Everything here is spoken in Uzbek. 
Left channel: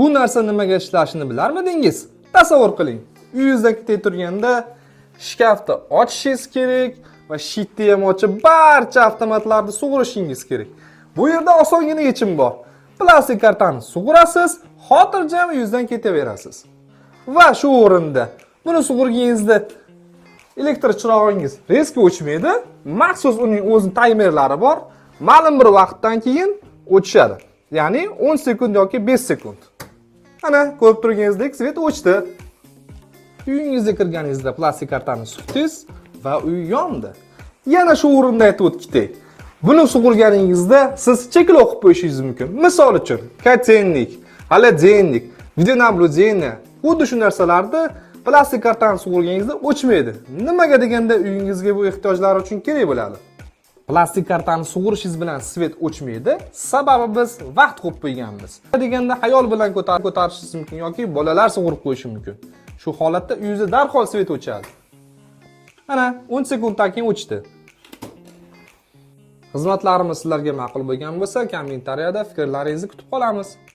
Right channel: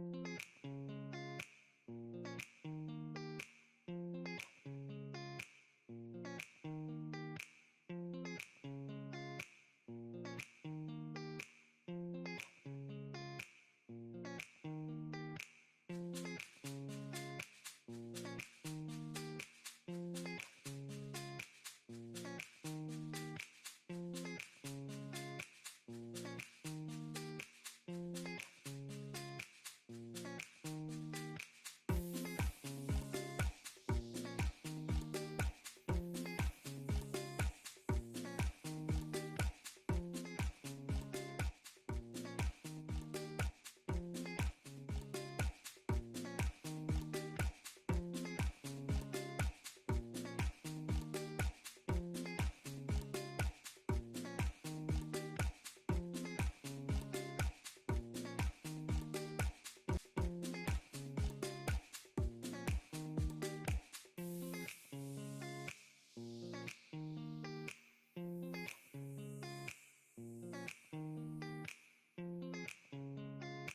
Bu narsa nimaga ishlashini bilarmidingiz? Tasavvur qiling. Uyingizda turganda shkafni ochishingiz kerak va shitni ham ochib barcha avtomatlarni sug'urishingiz kerak. Bu yerda osongina yechim bor. Plastik kartani sug'urasiz, xotirjam uyingizdan ketaverasiz. Va shu o'rinda buni sug'urganingizda elektr chirog'ingiz reski o'chmaydi. Maxsus uning o'z taymerlari bor. Ma'lum bir vaqtdan keyin o'chadi. Ya'ni 10 sekund yoki 5 sekund. Ana, ko'rib turganingizdek, svet o'chdi. Uyingizga kirganingizda plastik kartani suqdingiz va uy yondi. Yana shu o'rinda aytib o'tdik. Buni sug'urganingizda siz cheklov qo'yib qo'yishingiz mumkin. Misol uchun, kotelnik, холодильник, videonaблюдение, xuddi shu narsalarni plastik kartani sug'urganingizda o'chmaydi. Nimaga deganda uyingizga bu ehtiyojlar uchun kerak bo'ladi. Plastik kartani sug'urishingiz bilan svet o'chmaydi. Sababi biz vaqt qo'yib qo'yganmiz. Deganda ayol bilan ko'tarishingiz mumkin yoki bolalar sug'urib qo'yishi mumkin. Shu holatda uyingizda darhol svet o'chadi. Ana, 10 sekunddan keyin o'chdi. Xizmatlarimiz sizlarga ma'qul bo'lgan bo'lsa, kommentariyada fikrlaringizni kutib qolamiz.